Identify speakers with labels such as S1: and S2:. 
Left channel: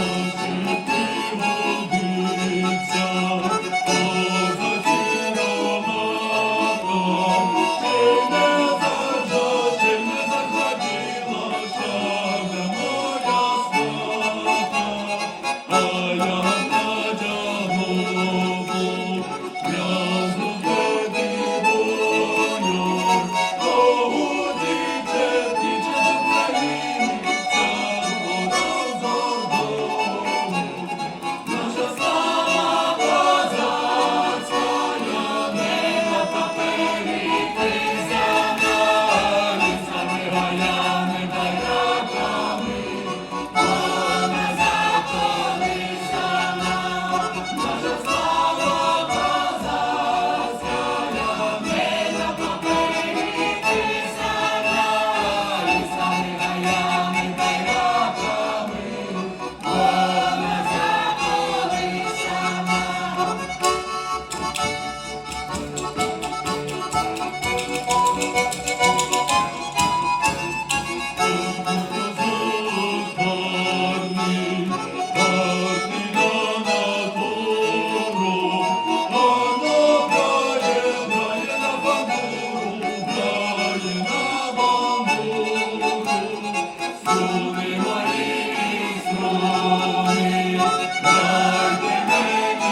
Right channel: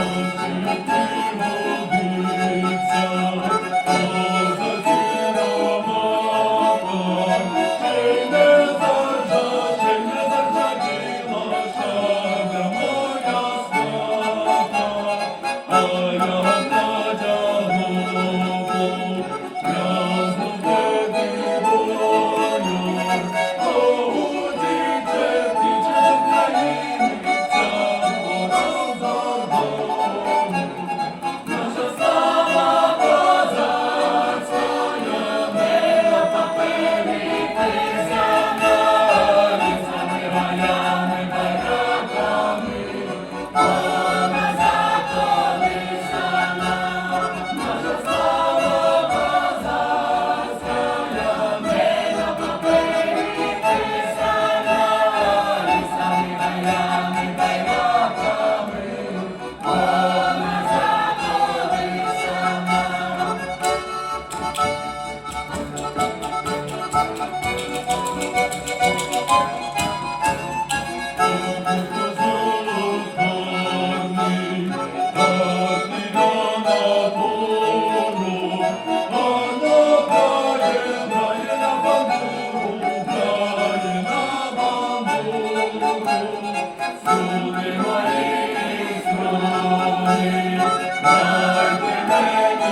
S1: You. Lord,